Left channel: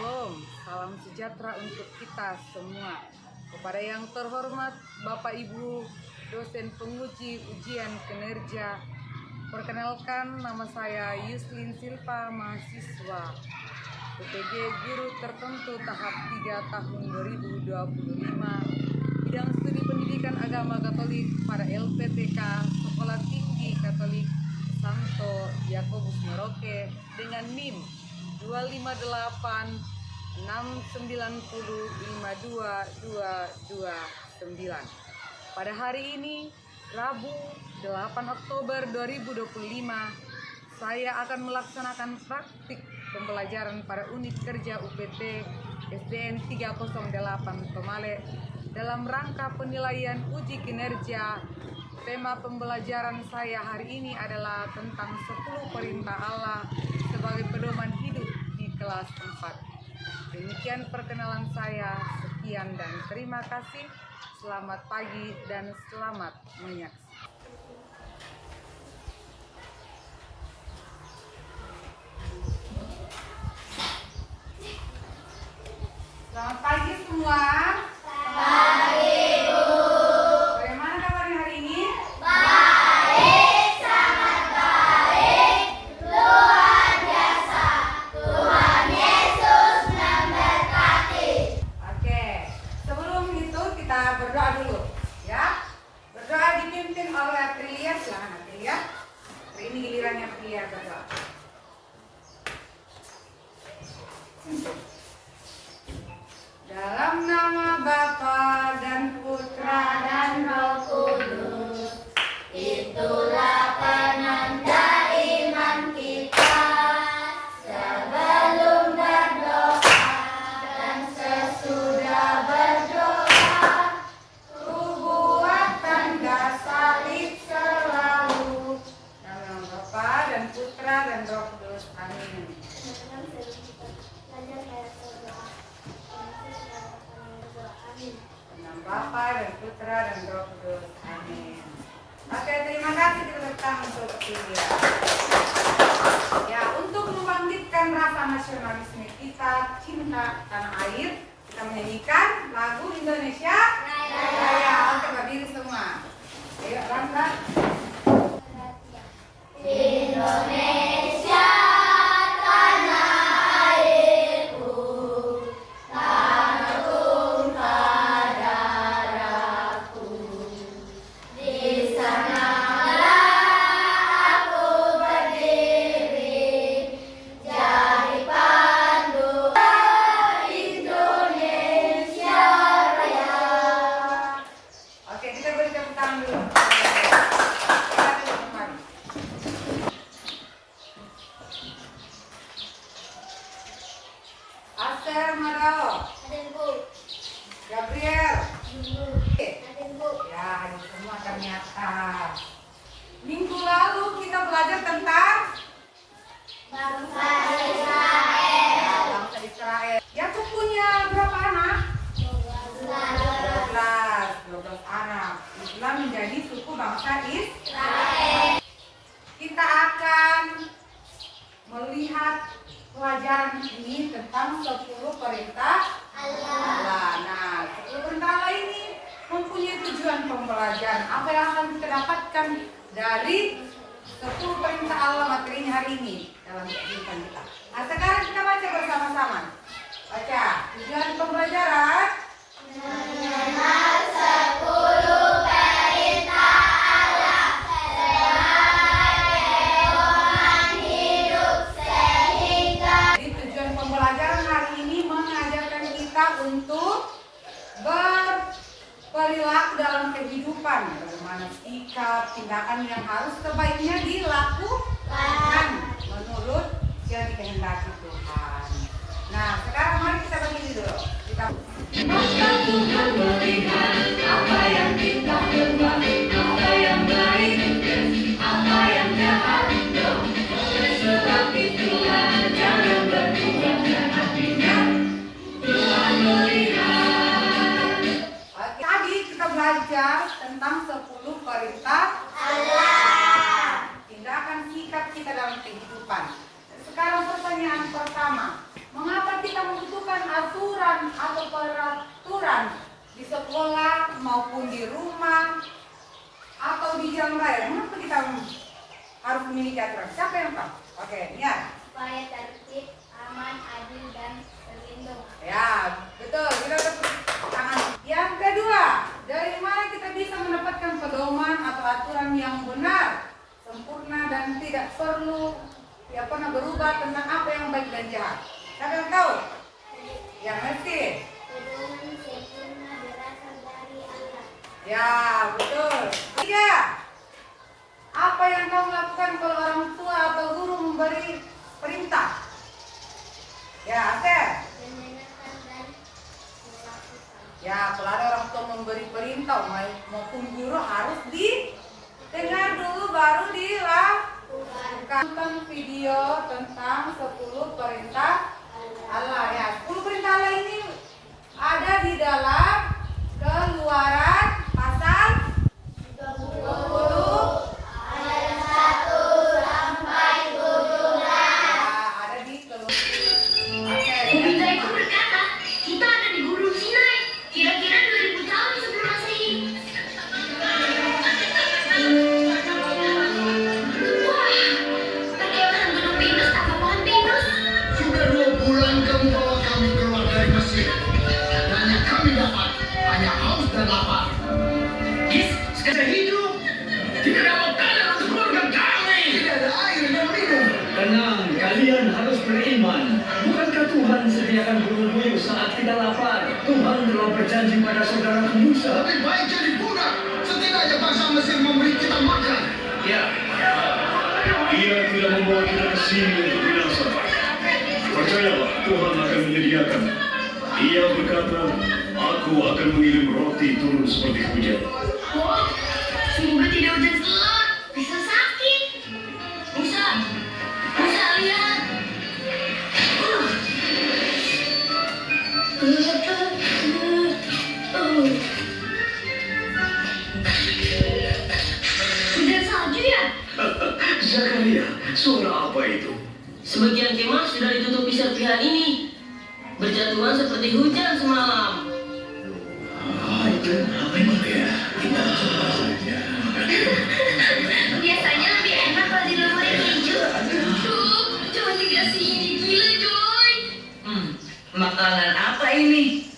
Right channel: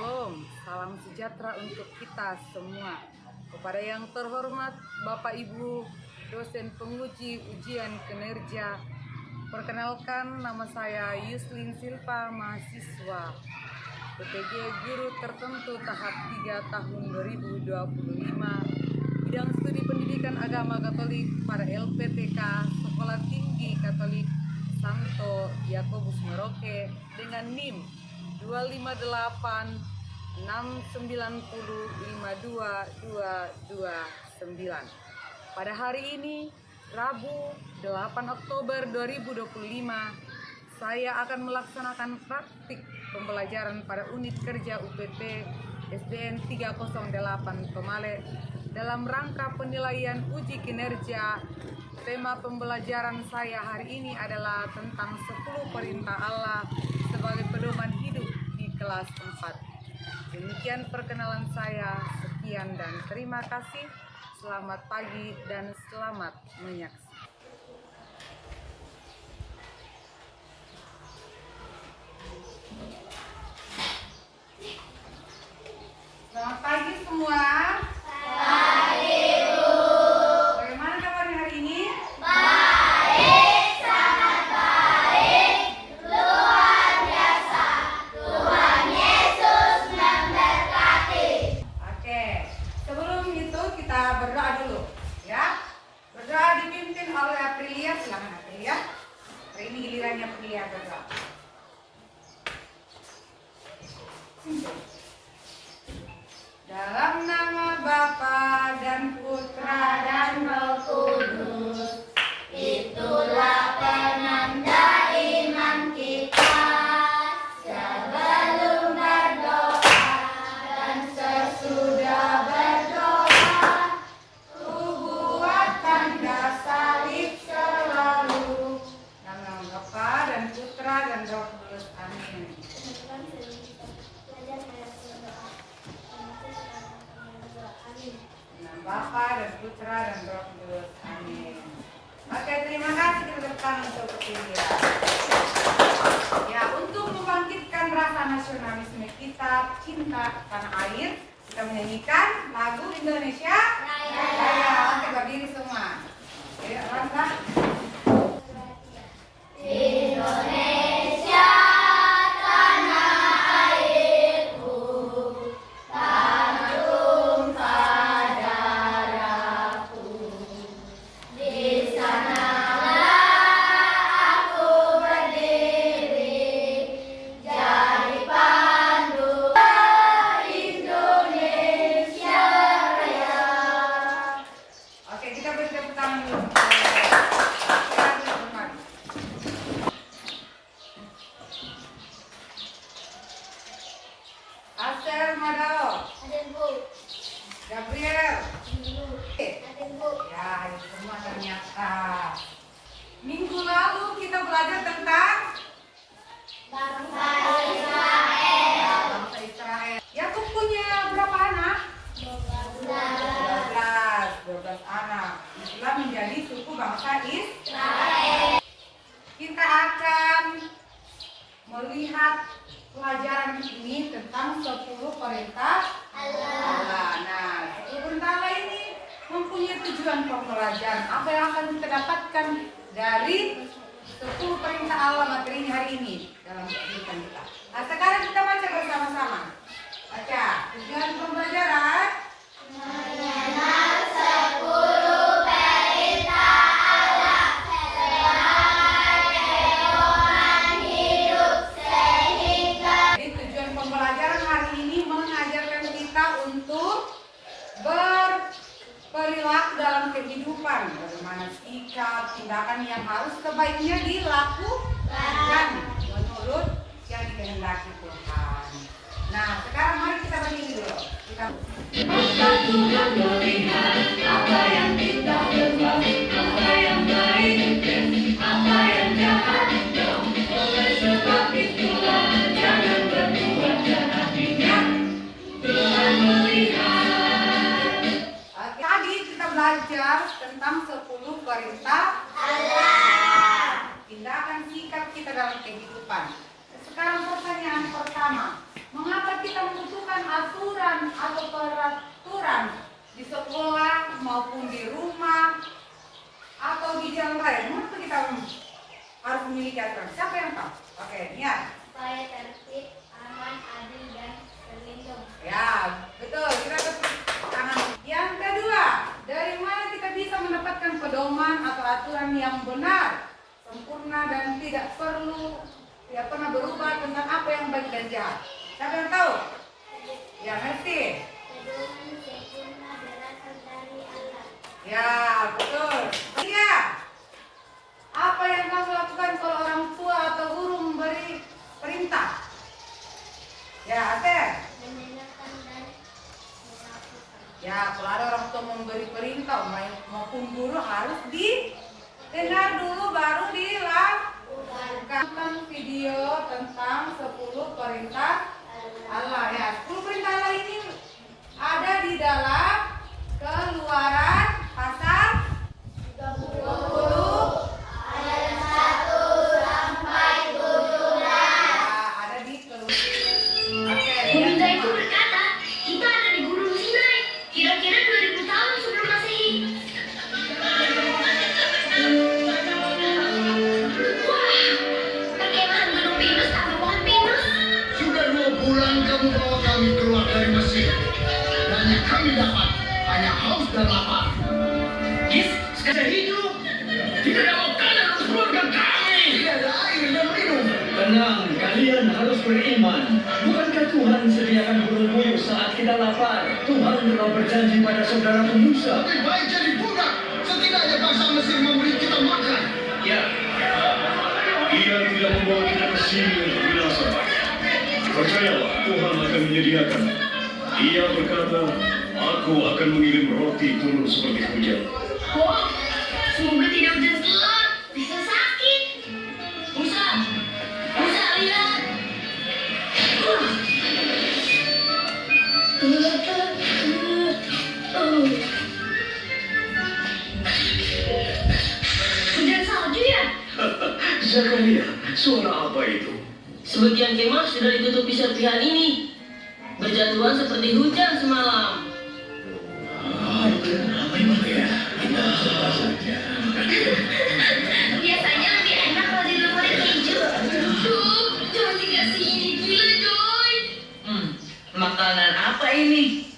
Shalom, salam sejahtera untuk kita semua. Kepada yang terhormat Bapak Ibu dosen penguji ujian kinerja, perkenalkan nama saya Yuslin Silva, mahasiswa PTG Guru Tertentu tahap 3 tahun 2025, bidang studi pendidikan agama Katolik pada LPTK Sekolah Tinggi Katolik Santo Yakobus Merauke dengan NIM 25869052229. Pada hari ini, Rabu 8 Oktober 2025, saya akan melaksanakan praktik pembelajaran pada unit kerja UPT SDN 308 Tomale dalam rangka penilaian uji kinerja. Tema pembelajaran saya hari ini adalah tentang 10 perintah Allah sebagai pedoman hidup di kelas 4. Demikian perkenalan saya, sekian dan terima kasih. Selamat pagi dan selamat menyaksikan. Selamat pagi semua. Pagi, Bu. Bagaimana kabarnya hari ini? Baik, sangat baik, luar biasa. Tuhan Yesus memberkati. Oke, sebelum itu kita berdoa dulu, ya. Berdoa dipimpin oleh Aprilia. Silakan Aprilia. Hari ini gilirannya Aprilia berdoa. Dalam nama Bapa dan Putra Dan Roh Kudus, itulah penanda iman kita. Sebelum berdoa dan sesudah berdoa, ku buat tanda salib selalu. Dalam nama Bapa dan Putra dan Roh Kudus. Amin. teman-teman sebelum kita belajar kayak berdoa, Dalam Bapa dan Putra dan Roh Kudus. Amin. Oke, terima kasih kepada kami untuk ketiga. Ya, untuk membangkitkan rasa nasionalisme kita, cinta tanah air, kita menyanyikan lagu Indonesia Raya. Oke, berdiri semua. Ayo, langkah. Indonesia, tanah airku, tanah tumpah darahku. Di sanalah aku berdiri, jadi pandu Indonesia Raya. Oke, kita beri tepuk tangan dulu. Aster Madalo, Adenku, Gabriel. adenku. Ya, hadir semua ternyata. Minggu lalu kita belajar tentang Bangsa Israel. ya, bangsa Israel. Yakub punya berapa anak? 12 anak. Itulah menjadi suku bangsa Israel. Kita akan melihat pelajaran ini tentang 10 perintah Allah. Nah, 10 perintah Allah ini mempunyai tujuan pembelajaran. Apa yang akan kita dapatkan dari 10 perintah Allah materinya hari ini dalam kehidupan kita. Nah, sekarang kita baca bersama-sama. Baca tujuan pembelajaran. Mengenal 10 perintah Allah sebagai pedoman hidup sehingga Jadi tujuan pembelajaran hari ini mengajarkan kita untuk berperilaku dalam kehidupan, bagaimana sikap, tindakan yang harus sebaiknya dilakukan menurut yang dikehendaki Tuhan. Nah, sekarang mari kita berdiri dulu. Kita apa yang kita buat, apa yang baik, apa yang jahat, oleh sebab itulah jangan berbuat jahat. Tuhan melihat. Tadi kita belajar tentang 10 perintah Allah. Tindakan sikap kita dalam kehidupan. Sekarang pertanyaan pertama, mengapa kita membutuhkan sekolah maupun di rumah atau di jalan raya, mengapa kita harus memiliki aturan? Siapa yang tahu? Oke, ya. Supaya tertib, aman, adil, dan terlindung. Ya, betul. Kita tepuk tangan. Yang kedua, dari mana kita bisa mendapatkan pedoman atau aturan yang benar, sempurna dan tidak pernah berubah tentang apa yang baik dan jahat? Siapa yang tahu? Ya, ngerti. Pedoman sempurna berasal dari Allah. Ya, betul. Tiga, apa yang kamu lakukan kalau orang tua atau guru memberi perintah? Ya, Ater. Menyenangkan dan melakukan. Ya, kalau ada orang tua memberi perintah maupun guru harus didengar dulu baru dilakukan. Tonton video tentang 10 perintah Allah. Ya, 10 perintah Allah ini ada di dalam Keluaran pasal 20 Ayat 1 sampai 17. ada di Keluaran. Oke. Meminta itu berkata, kita ada di Gunung Sinai, kira-kira 2000 tahun sebelum Masehi. Wah, bagaimana Gunung Pinus tanpa pohon pinus? Sudah 2 bulan kamu bawa kami keluar dari Mesir. Dan yang kami dapat hanya haus dan lapar. Saya hidup. Tidak ada makanan untuk keluarga kami. Tidak ada air yang minum. Tenang, kalian harus beriman. Bukankah Tuhan sediakan gunung buyut saat kita lapar? Tuhan telah berjanji pada saudara Musa. Lebih baik jadi budak. Setidaknya bangsa Mesir memberi kita makan. Ya, Ia tidak membawa kita ke sini untuk binasa. Percayalah, Tuhan akan menyediakan. Ia berkata, Aku akan mengirim roti turun seperti hujan. Oh, semoga tidak hujan gelap, bisa sakit. Musa, lihat. Hujan salju ya? Zakaria, suara apa itu? Sebagian kemah sudah ditutupi serpihan ini. Berjatuhan seperti hujan semalam. Itu memang ya. Kita coba saja. Biasanya lebih enak kalau di lemari hijau. Duh, jangan dikasih ini gila, Joy. Makanan apa ini?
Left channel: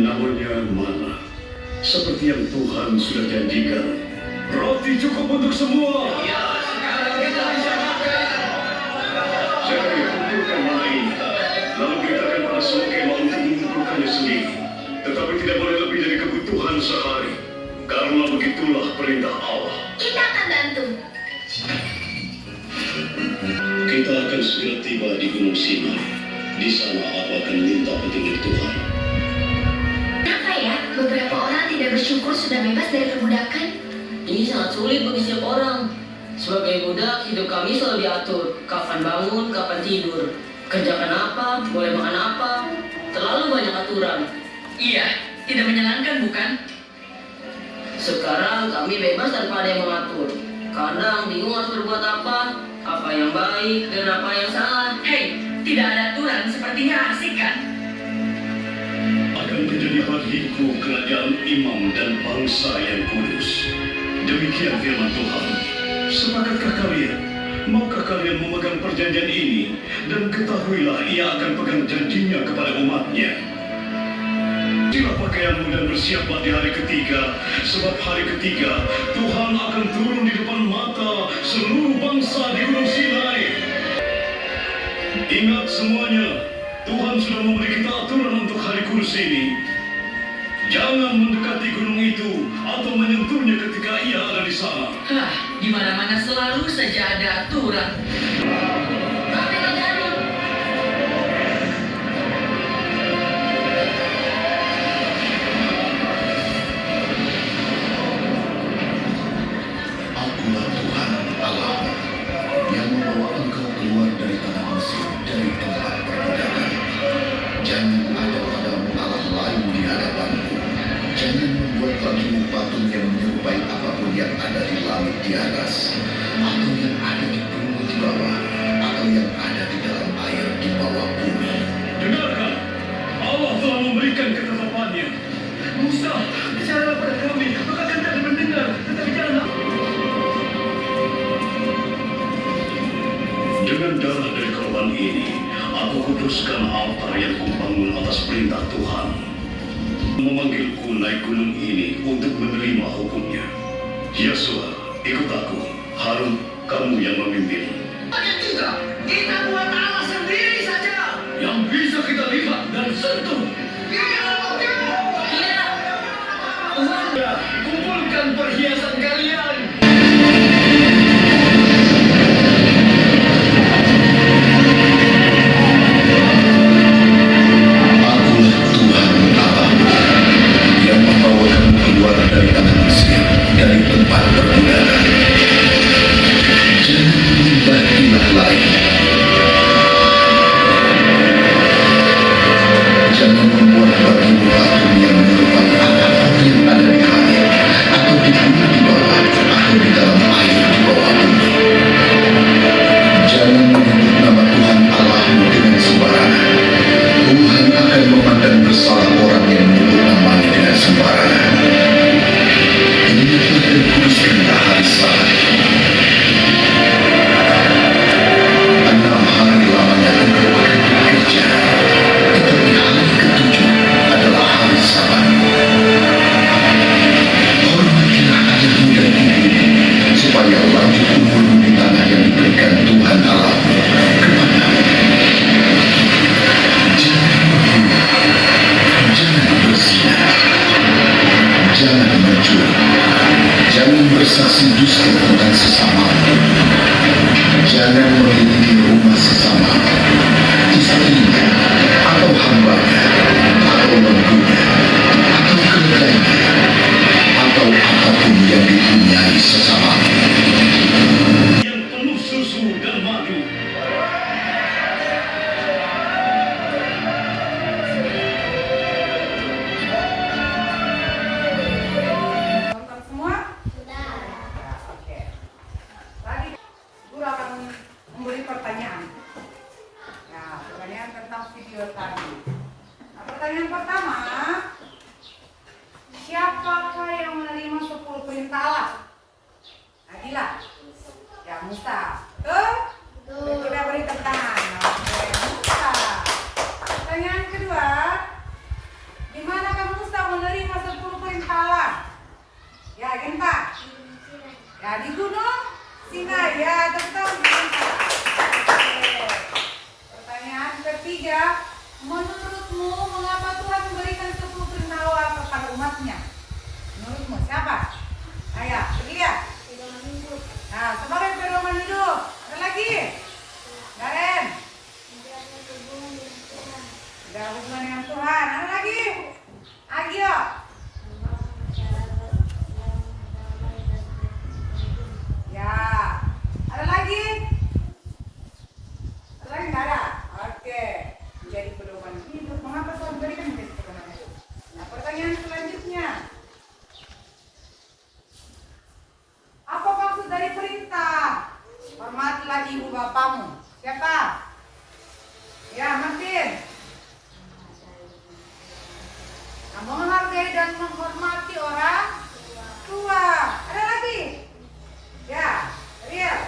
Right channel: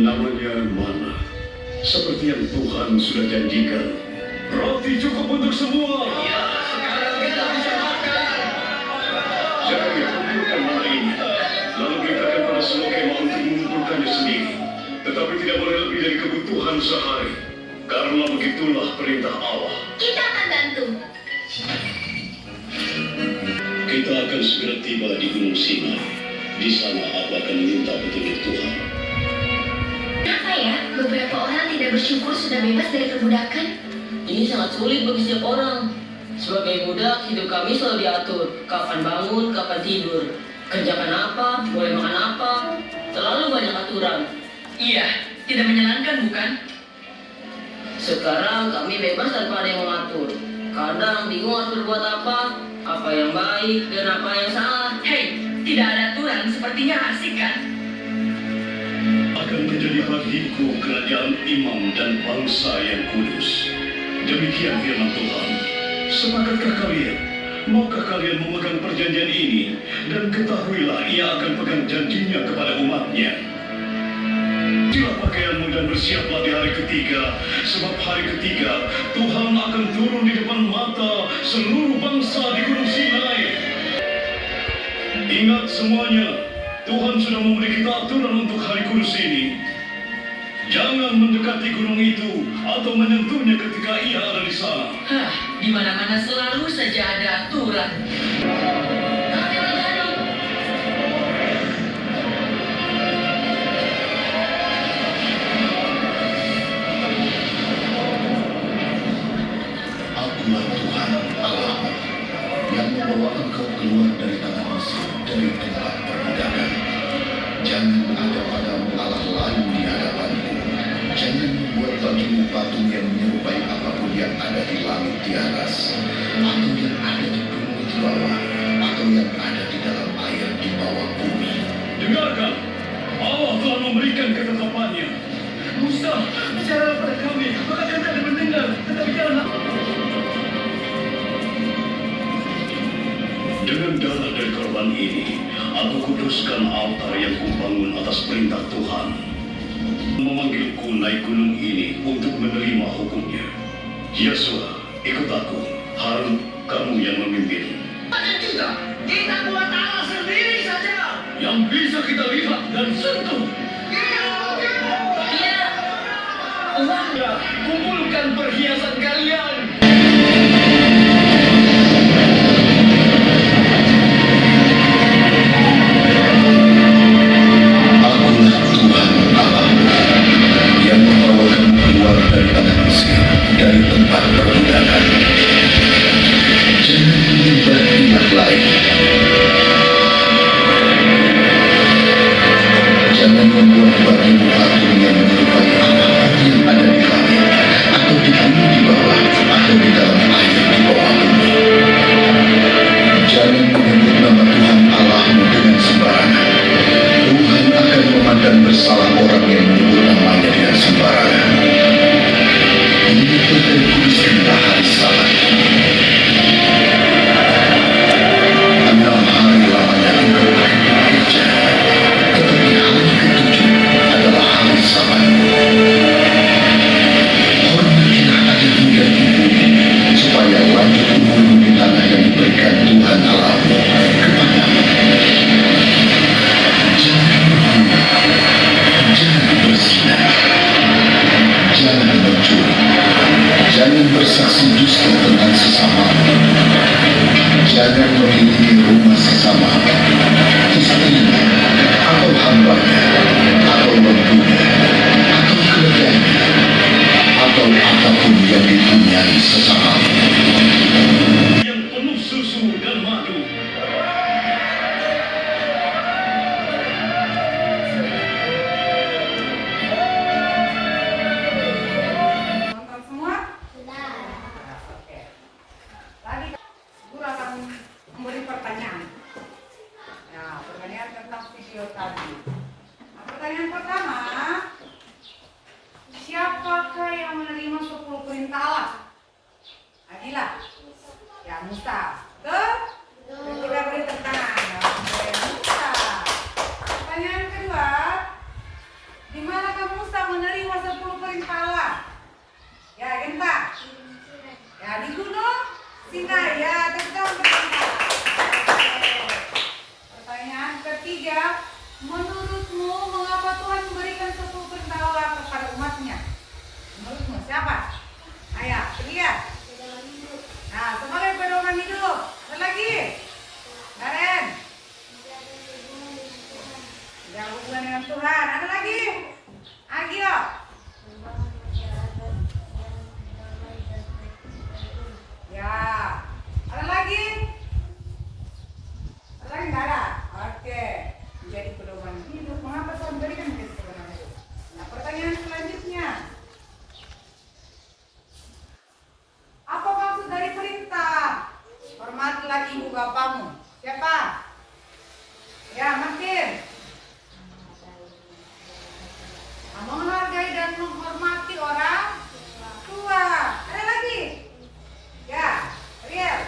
Namanya mana? Seperti yang Tuhan sudah janjikan. Roti cukup untuk semua. Ya, sekarang kita bisa makan. Zakaria, kumpulkan mana ini. Lalu beritakan pada semua kemah untuk mengumpulkannya sendiri. Tetapi tidak boleh lebih dari kebutuhan sehari. Karena begitulah perintah Allah. Kita akan bantu. Kita akan segera tiba di Gunung Sinai. Di sana aku akan minta petunjuk Tuhan. Kenapa ya beberapa orang tidak bersyukur sudah bebas dari perbudakan? Ini sangat sulit bagi setiap orang. Sebagai budak, hidup kami selalu diatur. Kapan bangun, kapan tidur. Kerjakan apa, boleh makan apa. Terlalu banyak aturan. Iya, tidak menyenangkan bukan? Sekarang kami bebas tanpa ada yang mengatur. Kadang bingung harus berbuat apa yang baik dan apa yang salah. Hei, tidak ada aturan sepertinya asik kan? Akan menjadi bagiku kerajaan imam dan bangsa yang kudus. Demikian firman Tuhan. Sepakatkah kalian? Maukah kalian memegang perjanjian ini? Dan ketahuilah ia akan pegang janjinya kepada umatnya. Silah pakaianmu dan bersiaplah di hari ketiga, sebab hari ketiga Tuhan akan turun di depan mata seluruh bangsa di Gunung Sinai. Ingat semuanya, Tuhan sudah memberi kita aturan untuk hari kudus ini. Jangan mendekati gunung itu atau menyentuhnya ketika ia ada di sana. Hah, di mana-mana selalu saja ada aturan. Kami menjadi. Akulah Tuhan Allah yang membawa engkau keluar dari tanah Mesir, dari tempat perbudakan. Jangan ada padamu Allah lain di hadapanku. Jangan membuat bagimu patung yang menyerupai apapun yang ada di langit di atas, atau yang ada di bumi di bawah, atau yang ada di dalam air di bawah bumi. Dengarkan, Allah telah memberikan ketetapannya. Musa, bicara pada kami, maka kami akan mendengar, tetapi janganlah. Dengan darah dari korban ini, aku kuduskan altar yang kubangun atas perintah Tuhan. Memanggilku naik gunung ini untuk menerima hukumnya. Yesua, ikut aku. Harun, kamu yang memimpin. Tidak, kita buat Allah sendiri saja. Yang bisa kita lihat dan sentuh. Ya, kumpulkan perhiasan kalian. Akulah Tuhan Allahmu yang membawa kamu keluar dari tanah Mesir, dari tempat perbudakan. Jangan menyembah ilah lain. Jangan membuat bagimu patung yang menyerupai apapun yang ada di langit, atau di bumi di bawah, atau di dalam air di bawah bumi. Jangan menyebut nama Tuhan Allahmu dengan sembarangan. Tuhan akan memandang bersalah orang yang menyebut namanya dengan sembarangan. Ingatlah dan kuduskanlah hari Sabat. 6 hari lamanya engkau akan bekerja, tetapi hari ke-7 adalah hari Sabat. Hormatilah ayahmu dan ibumu, supaya lanjut umurmu di tanah yang diberikan Tuhan Allahmu kepadamu. Jangan membunuh, jangan berzina, jangan mencuri, jangan bersaksi dusta tentang sesamamu, jangan memiliki rumah sesamamu, istrinya, atau hambanya, atau mantunya, atau keledainya, atau apapun yang dipunyai sesamamu. Yang penuh susu dan madu. Nonton semua? Sudah. Ya, oke. Tadi guru akan memberi pertanyaan. Ya, pertanyaan tentang video tadi. Nah, pertanyaan pertama, siapakah yang menerima 10 perintah Allah? Adila. Ya, Musa. Betul. Kita beri tepuk tangan. Oke, Musa. Pertanyaan kedua, di manakah Musa menerima 10 perintah Allah? Ya, Genta. Ya, di gunung Sinai. Ya, tetap berita. Pertanyaan ketiga, menurutmu mengapa Tuhan memberikan 10 perintah Allah kepada umatnya? Menurutmu siapa? Ayo, ketiga. Nah, sebagai pedoman hidup. Ada lagi? Karen. Tidak hubungan dengan Tuhan. Ada lagi? Agio. Ya. Ada lagi? Ada lagi nggak ada? Oke. Menjadi pedoman hidup. Mengapa Tuhan berikan menjadi pedoman hidup? Nah, pertanyaan selanjutnya. Apa maksud dari perintah? Hormatilah ibu bapamu. Siapa? Ya, Martin. Nah, menghargai dan menghormati orang tua. Ada lagi? Ya, Riel.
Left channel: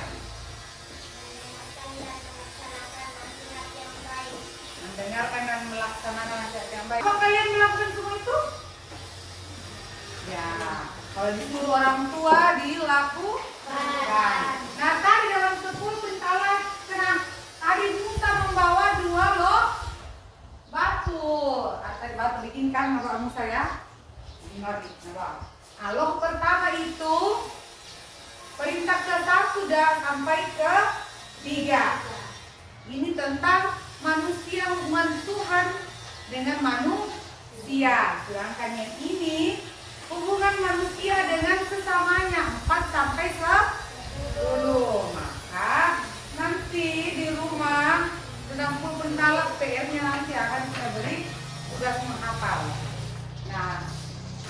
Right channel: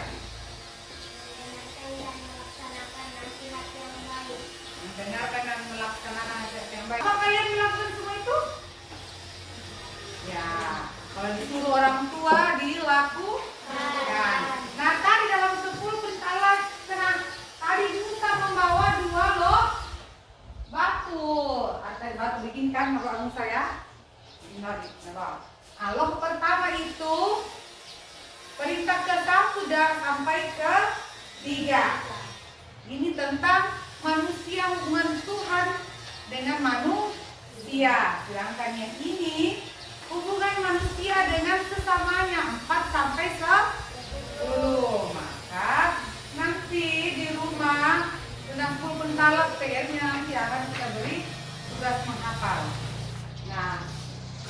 Mendengarkan dan melaksanakan nasihat yang baik. Apa kalian melakukan semua itu? Ya, kalau disuruh orang tua dilakukan. Nah, tadi dalam 10 perintah Allah, Nabi Musa membawa 2 loh batu. Tadi batu bikinkan Nabi Musa ya. Nah, loh pertama itu perintah ke-1 dan sampai ke-3. Ini tentang manusia, hubungan Tuhan dengan manusia. Sedangkan yang ini hubungan manusia dengan sesamanya 4 sampai 10. Maka nanti di rumah tentang 10 perintah Allah, PR-nya nanti akan kita beri tugas menghafal. Nah,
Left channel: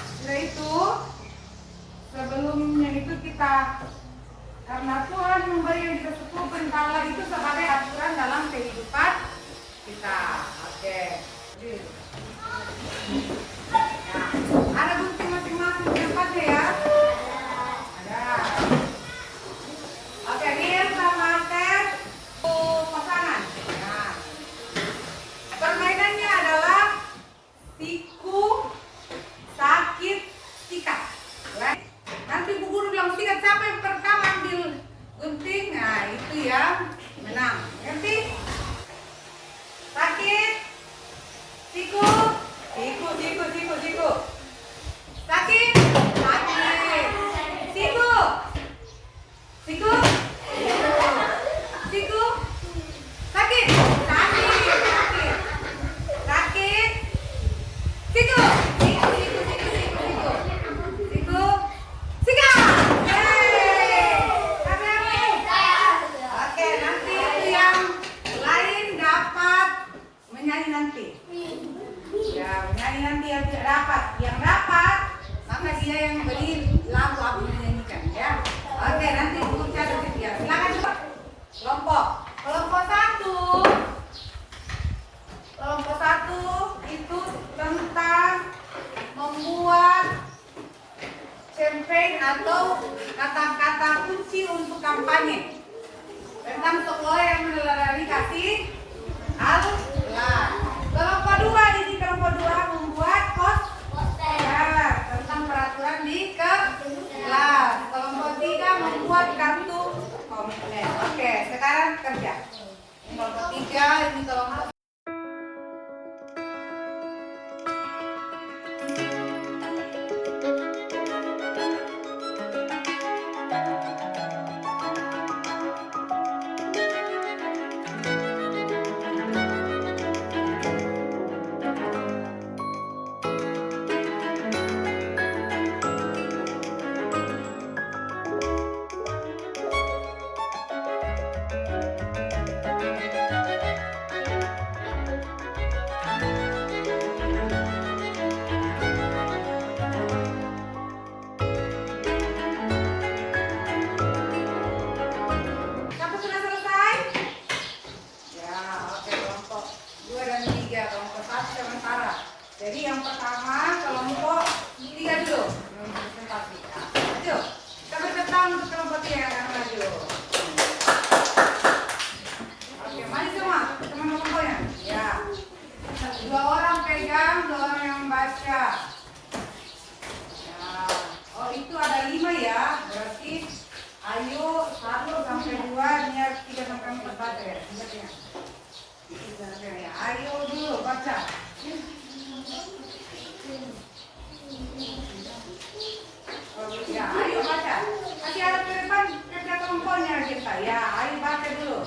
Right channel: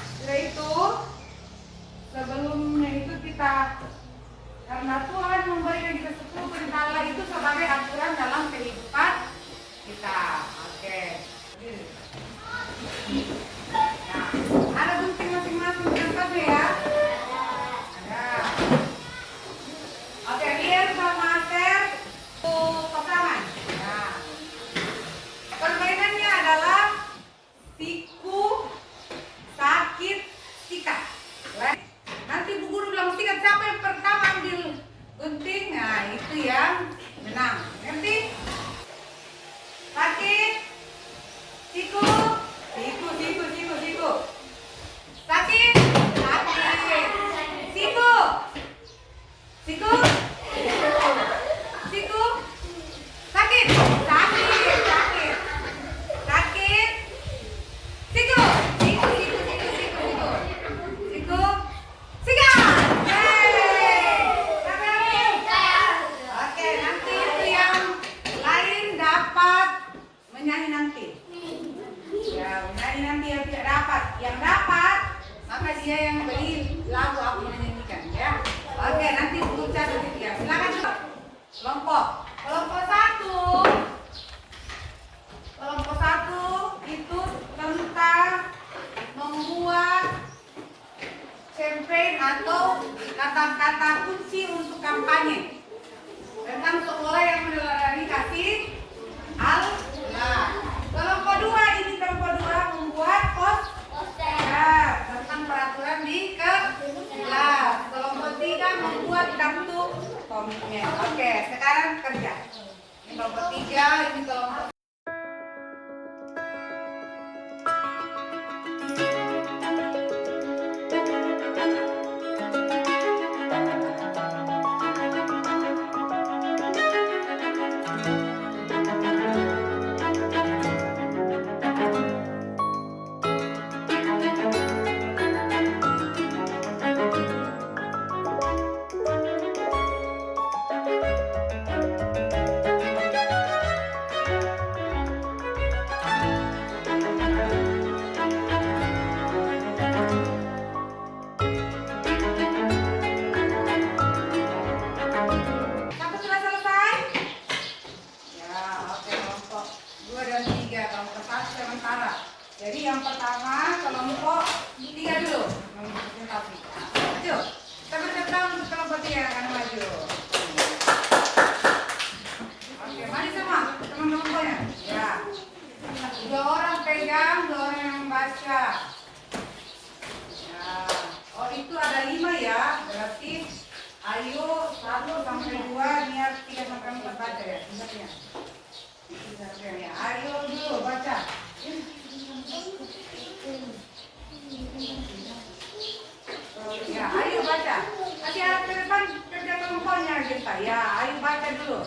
setelah itu sebelumnya itu kita, karena Tuhan memberikan kita 10 perintah Allah itu sebagai aturan dalam kehidupan kita. Oke. Nah, ada Siku. Sakit. Siku. Siku. Sakit. Siku. Sikat. Oke, nanti itu yang lain dapat menyanyi nanti. Ya, menyanyi nanti yang tidak dapat. Yang dapat, maka dia yang beli lagu aku menyanyikan. Ya. Oke, nanti untuk catat ya. Silakan kelompok. Kelompok satu itu tentang membuat campaign atau kata-kata kunci untuk kampanye tentang sekolah yang meneladani Allah. Kelompok dua membuat poster tentang peraturan di kelas. Kelompok tiga membuat kartu komitmen. Oke, sekarang kerja. Ini kelompok tiga, ini kelompok sampai sudah selesai? Ya, oke, kelompok 2 dan 3, kelompok 1 sementara. Jadi yang pertama kelompok 3 dulu presentasi. Maju. Tepuk tangan untuk kelompok 3 yang akan maju. Oke, mari semua teman kelompoknya. Ya. 2 orang pegang, 2 orang yang membaca. Ya. Oh, itu ada 5 ya. Berarti ayo 1 sampai 2, niat 3 sampai 4 baca ya. Ingatnya. Ayo dulu baca. Ya, ayo baca. Kasih alat ke depan kerja kelompoknya kita. Ya, ayo baca dulu.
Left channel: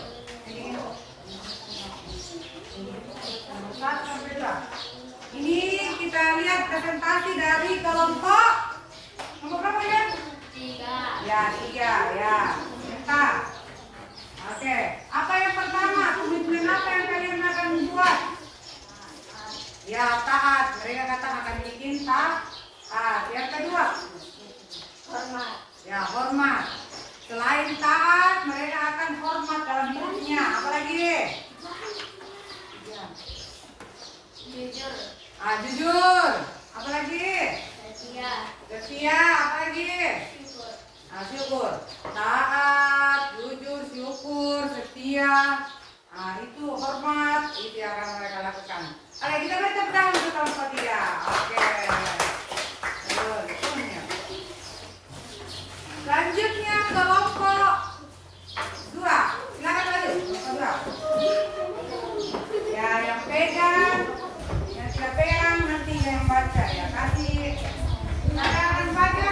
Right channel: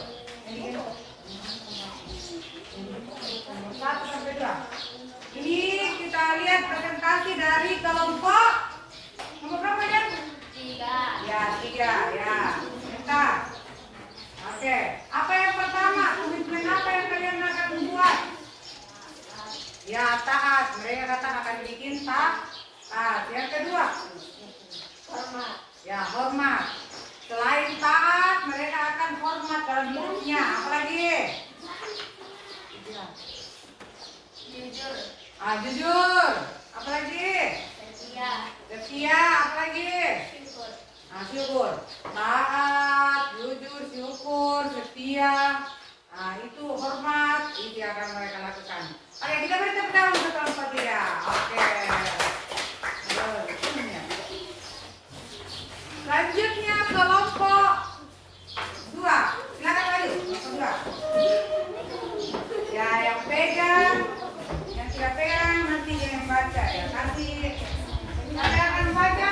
Ini nomor 1 sampai 2. Ini kita lihat presentasi dari kelompok nomor berapa ya? 3. Ya, 3 ya. Minta. Oke, apa yang pertama? Komitmen apa yang kalian akan buat? Ya, taat. Mereka kata akan bikin taat. Yang kedua? Hormat. Ya, hormat. Selain taat, mereka akan hormat dalam hidupnya. Apalagi? Ya. Jujur. Jujur. Apalagi? Setia. Apalagi? Syukur. Syukur. Taat, jujur, syukur, setia. Itu hormat. Itu yang akan mereka lakukan. Oke, kita beri tepuk tangan untuk kelompok 3. Oke. Selanjutnya kelompok 2. Silakan maju. Kelompok 2. Ya, yang pegang, yang tidak pegang nanti yang baca ya. Kasih. Ada yang baca?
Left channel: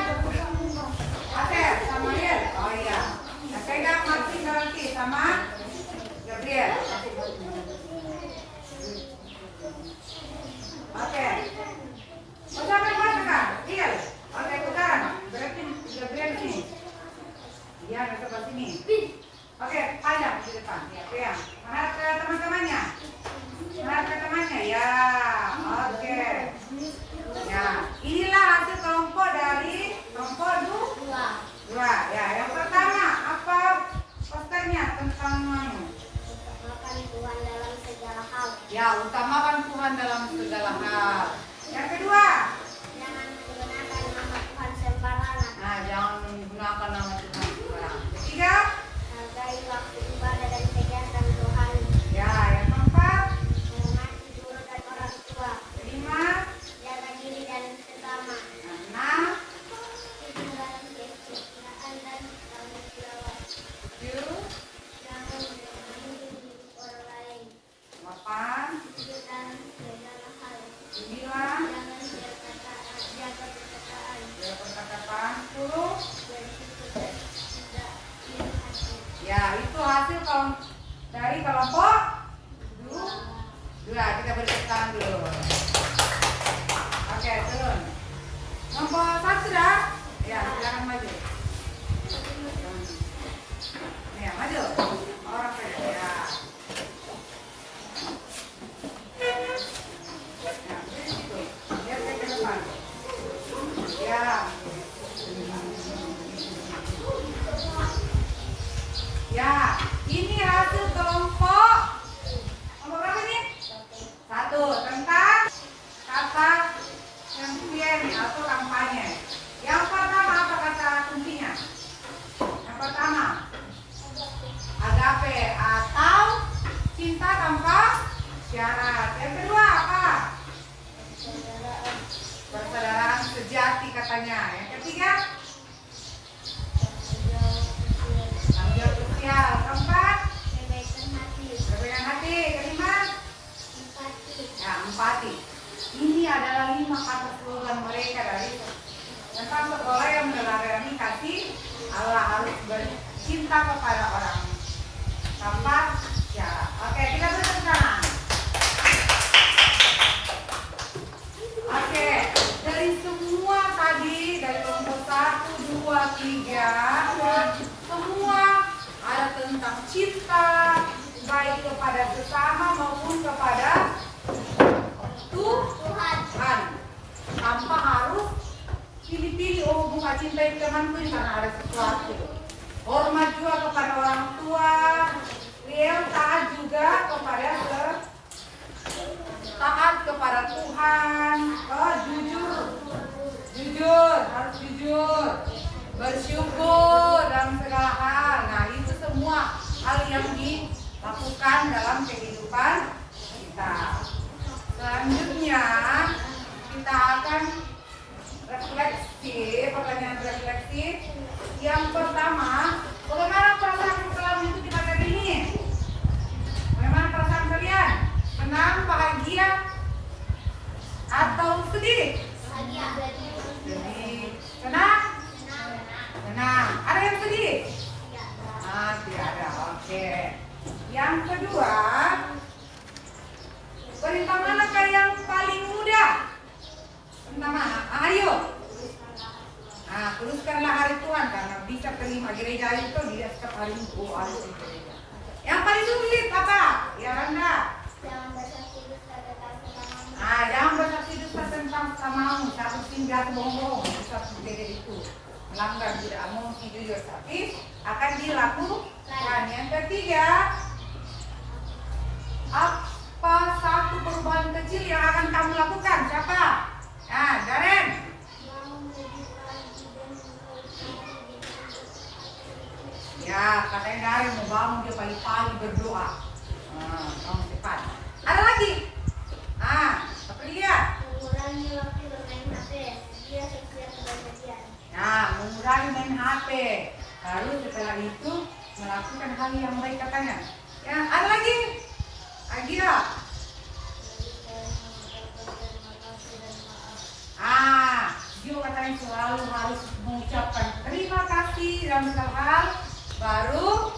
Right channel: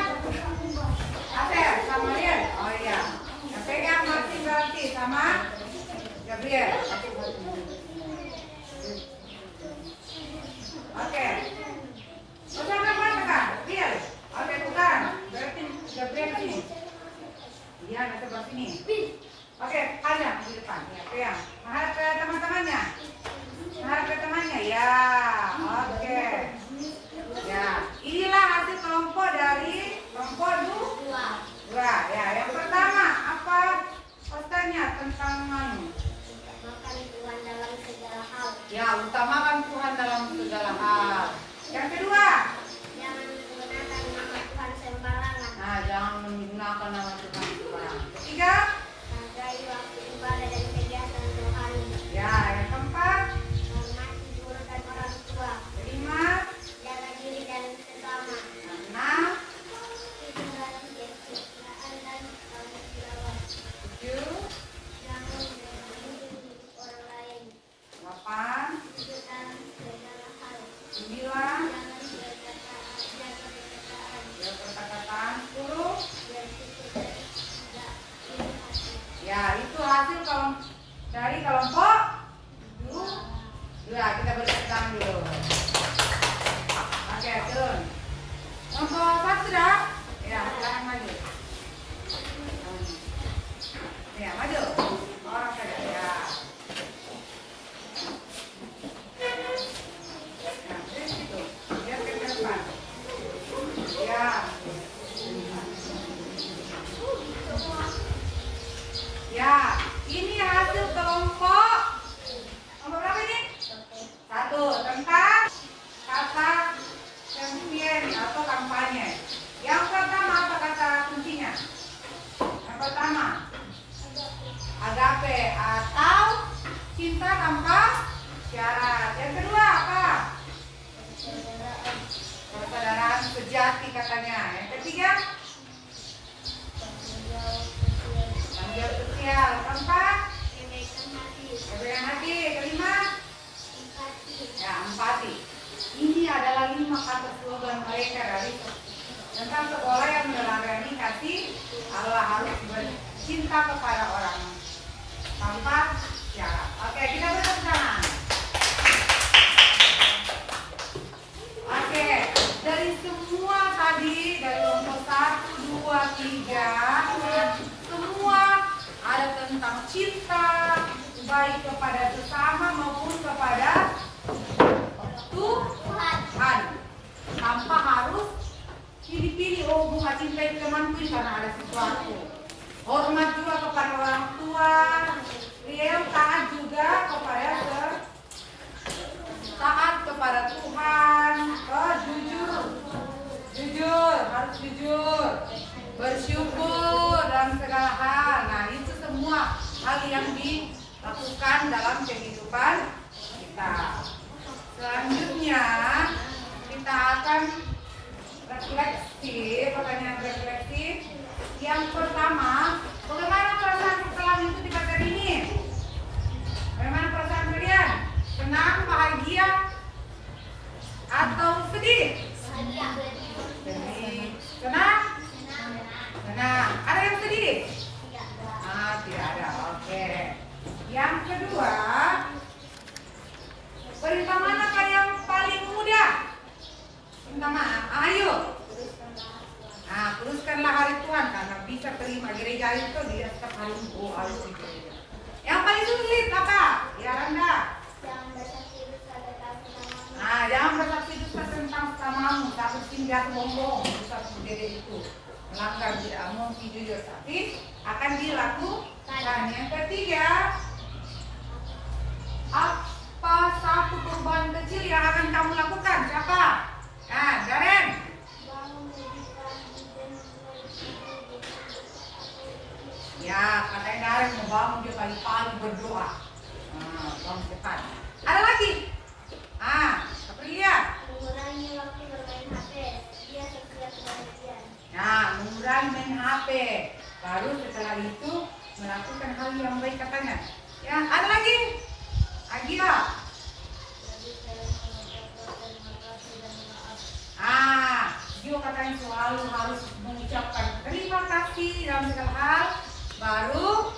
Asel sama Riel. Oh iya. Yang pegang masih berarti sama Gabriel. Oke. Siapa yang baca kan? Riel. Oke, bukan. Berarti Gabriel sini. Iya, kita ke sini. Oke, panjang di depan. Ya, pegang. Menghadap ke teman-temannya. Ya. Oke. Ya, inilah hasil kelompok dari kelompok 2. Ya, yang pertama apa posternya tentang Utamakan Tuhan dalam segala hal. ya, utamakan Tuhan dalam segala hal. Yang kedua, Jangan menggunakan nama Tuhan sembarangan. jangan menggunakan nama Tuhan sembarangan. Ketiga, Hargai waktu ibadah dan kegiatan rohani. ya, yang keempat, Hormati guru dan orang tua. kelima, Jaga diri dan sesama. yang enam, Hidup dalam kesetiaan dan kebersamaan. tujuh, Jangan menghidup orang lain. 8, Hidup dalam segala hal 9 jaga perkataan 10. Ya, itu hasil dari kelompok 2. Kita beri tangan dulu. Oke, turun. Kelompok 1 sudah? Ya, silakan maju. Ya, maju. Orang saja. Ya. Nah, di situ. Lihat ke depan. Ya. Ya, ini hasil kelompok nomor berapa ini? 1 tentang kata champion atau kampanye. Yang pertama apa kata kuncinya? Yang pertama, agape atau cinta tanpa syarat. Yang kedua apa? Persaudaraan sejati katanya. Yang ketiga, tanggung jawab sosial. Keempat, kebaikan hati. Kelima, ya, empati. Ini adalah 5 kata slogan mereka dari tentang sekolah yang meneladani kasih Allah, harus bercinta kepada orang tanpa syarat. Oke, kita beri tangan. Oke, dari semua tadi, dari kelompok 1, 2, 3, semua ada tentang cinta, baik kepada sesama maupun kepada Tuhan. Tanpa harus pilih-pilih, oh bukan cintai temanku karena ada sesuatu. Hormat juga kepada orang tua, real taat juga kepada taat kepada Tuhan. Jujur, harus jujur, bersyukur dalam segala hal. Nah, itu semua hal yang dilakukan dalam kehidupan kita. Selanjutnya kita akan refleksi, pertanyaan refleksi. Yang pertama, bagaimana perasaan setelah mengikuti materi ini? Bagaimana perasaan kalian? Senang, bahagia, atau sedih? Sedih. Senang? Senang. Ada yang sedih? Tidak ada. Oke. Yang kedua, perintah manakah yang paling mudah? Perintah mana? Ayo. Nah, kuduskanlah hari Tuhan karena bisa terima gereja itu dia setiap hari Minggu harus di gereja. Yang paling sulit apa? Ya Randa. Nah, jangan bersaksi dusta tentang sesamamu. Satu singgah bohong, bisa gede itu melanggar, tidak mungkin jujur, tapi akan dilakukan. Yang ketiga, apa satu perubahan kecil yang akan kamu lakukan? Siapa? Nah, Daren. Ya, katanya Daren mau bangun dia pagi-pagi berdoa. Nah, kamu cepat. Ada lagi? Aprilia. Mengurangi waktu bermain HP. Dia setiap kebahagiaan. Nah, mengurangi main HP. Baru setelah itu melakukan hal yang baik katanya. Ya, ada lagi? Agia. Dia katanya selalu harus mengucapkan terima kasih dalam segala hal. Baru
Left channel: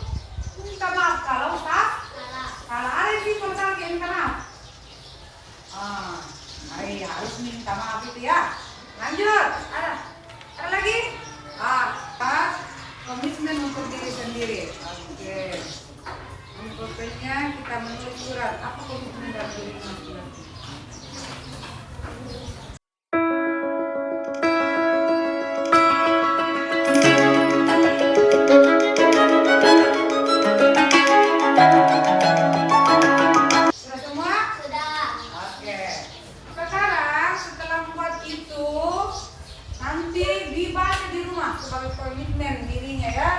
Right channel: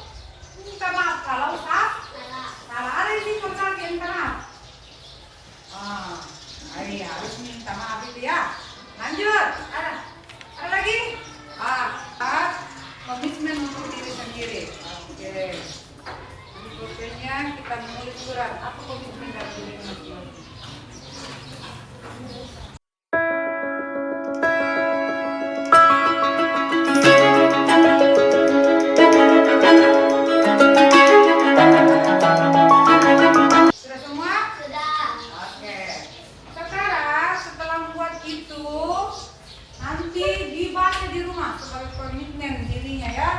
minta maaf kalau salah. Ada sih total yang minta maaf. Harus minta maaf itu ya. Lanjut. Ada lagi? Komitmen untuk diri sendiri. Oke. Ini pokoknya kita menulis surat. Apa komitmen dari diri masing-masing? Sudah semua? Sudah. Oke. Sekarang setelah membuat itu, nanti dibaca di rumah sebagai komitmen dirinya ya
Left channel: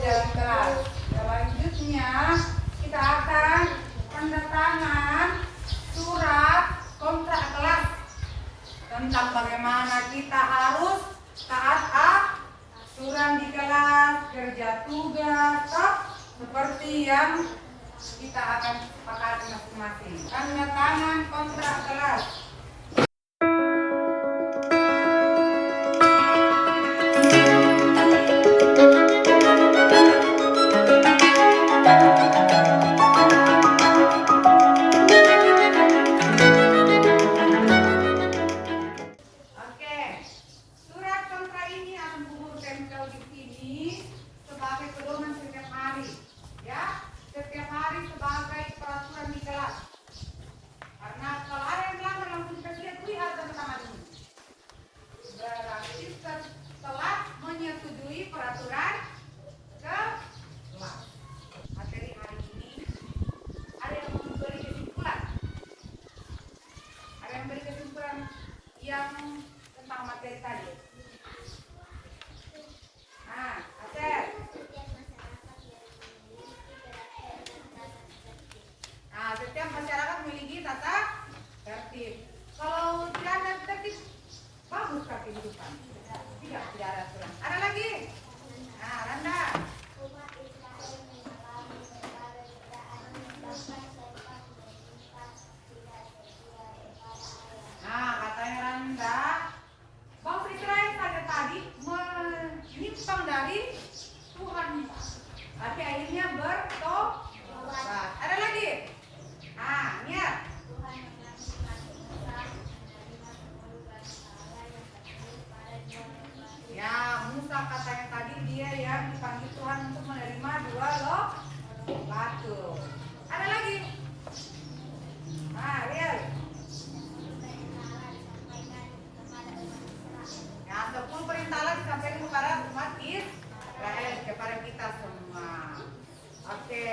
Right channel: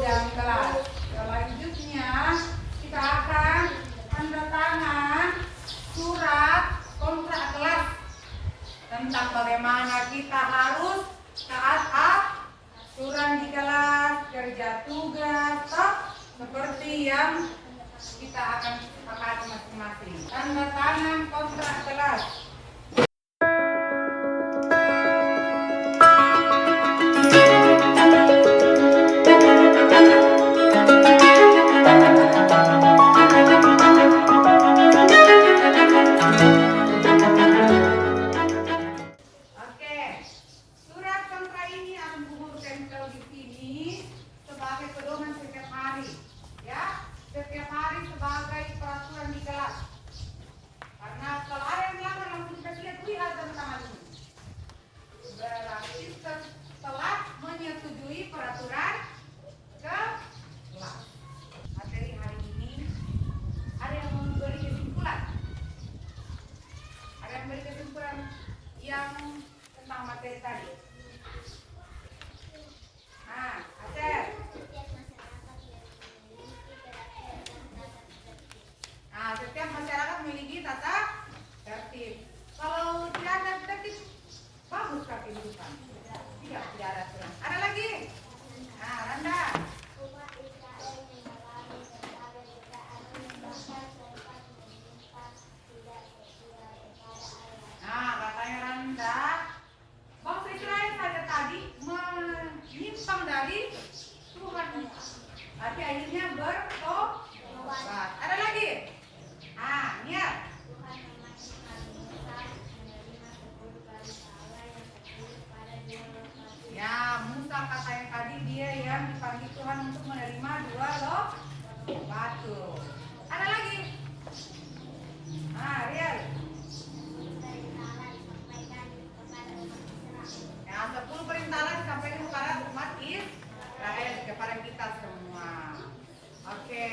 dalam kelas. Selanjutnya kita akan tanda tangan surat kontrak kelas tentang bagaimana kita harus taat aturan di kelas, kerja tugas, seperti yang kita akan sepakati masing-masing. Tanda tangan kontrak kelas. kesimpulan yang tentang materi tadi. Nah, Acer. Nah, setiap masyarakat memiliki tata tertib. Kalau tidak ada tertib, bagus kah kehidupan? Tidak ada aturan. Ada lagi? Nah, Randa. Nah, katanya Randa, bangsa Israel saja tadi menyimpang dari Tuhan. Tapi akhirnya bertobat. Ada lagi? Ah, niat. Ya, Musa katanya tadi dia yang dipanggil Tuhan untuk menerima 2 loh batu. Ada lagi? Ah, Riel. Ya, 10 perintah lagi disampaikan kepada umat Israel, kepada kita semua. Oke.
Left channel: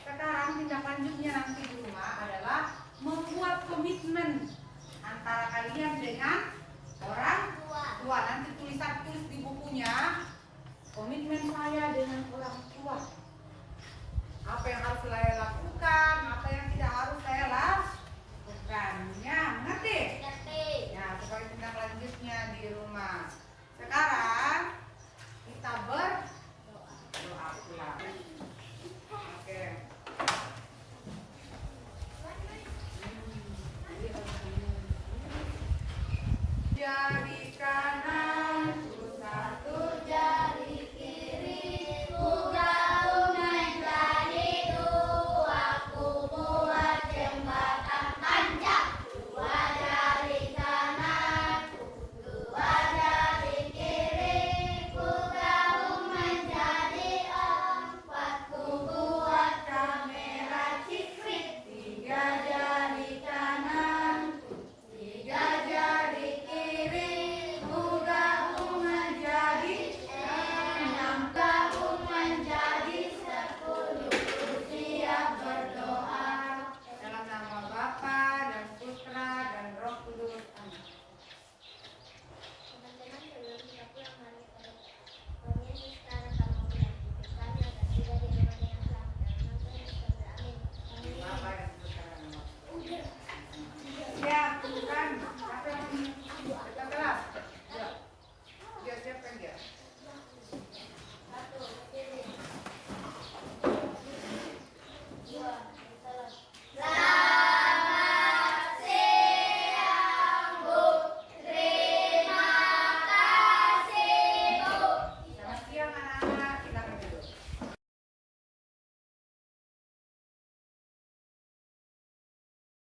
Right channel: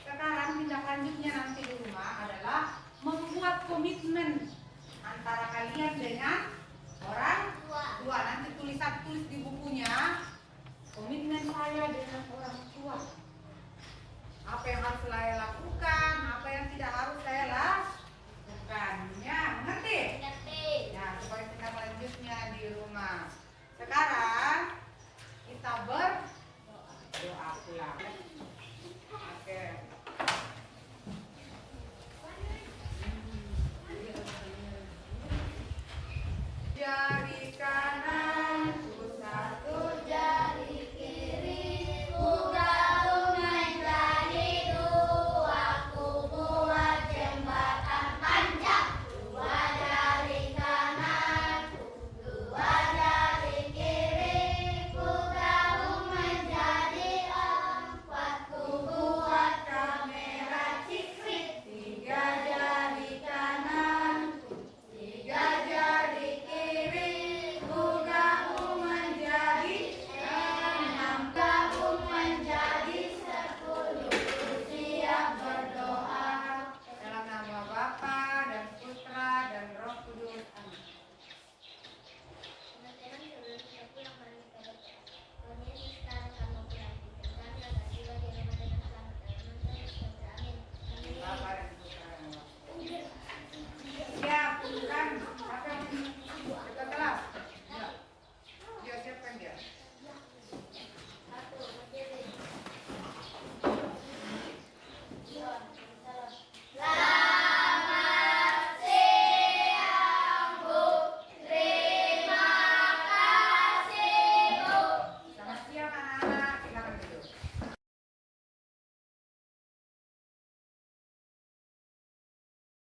Sekarang tindak lanjutnya nanti di rumah adalah membuat komitmen antara kalian dengan orang tua. Nanti tulis di bukunya komitmen saya dengan orang tua. Apa yang harus saya lakukan, apa yang tidak harus saya lakukan. Ya, mengerti? Ya, supaya tindak lanjutnya di rumah. Sekarang kita berdoa pulang. Oke. Ya.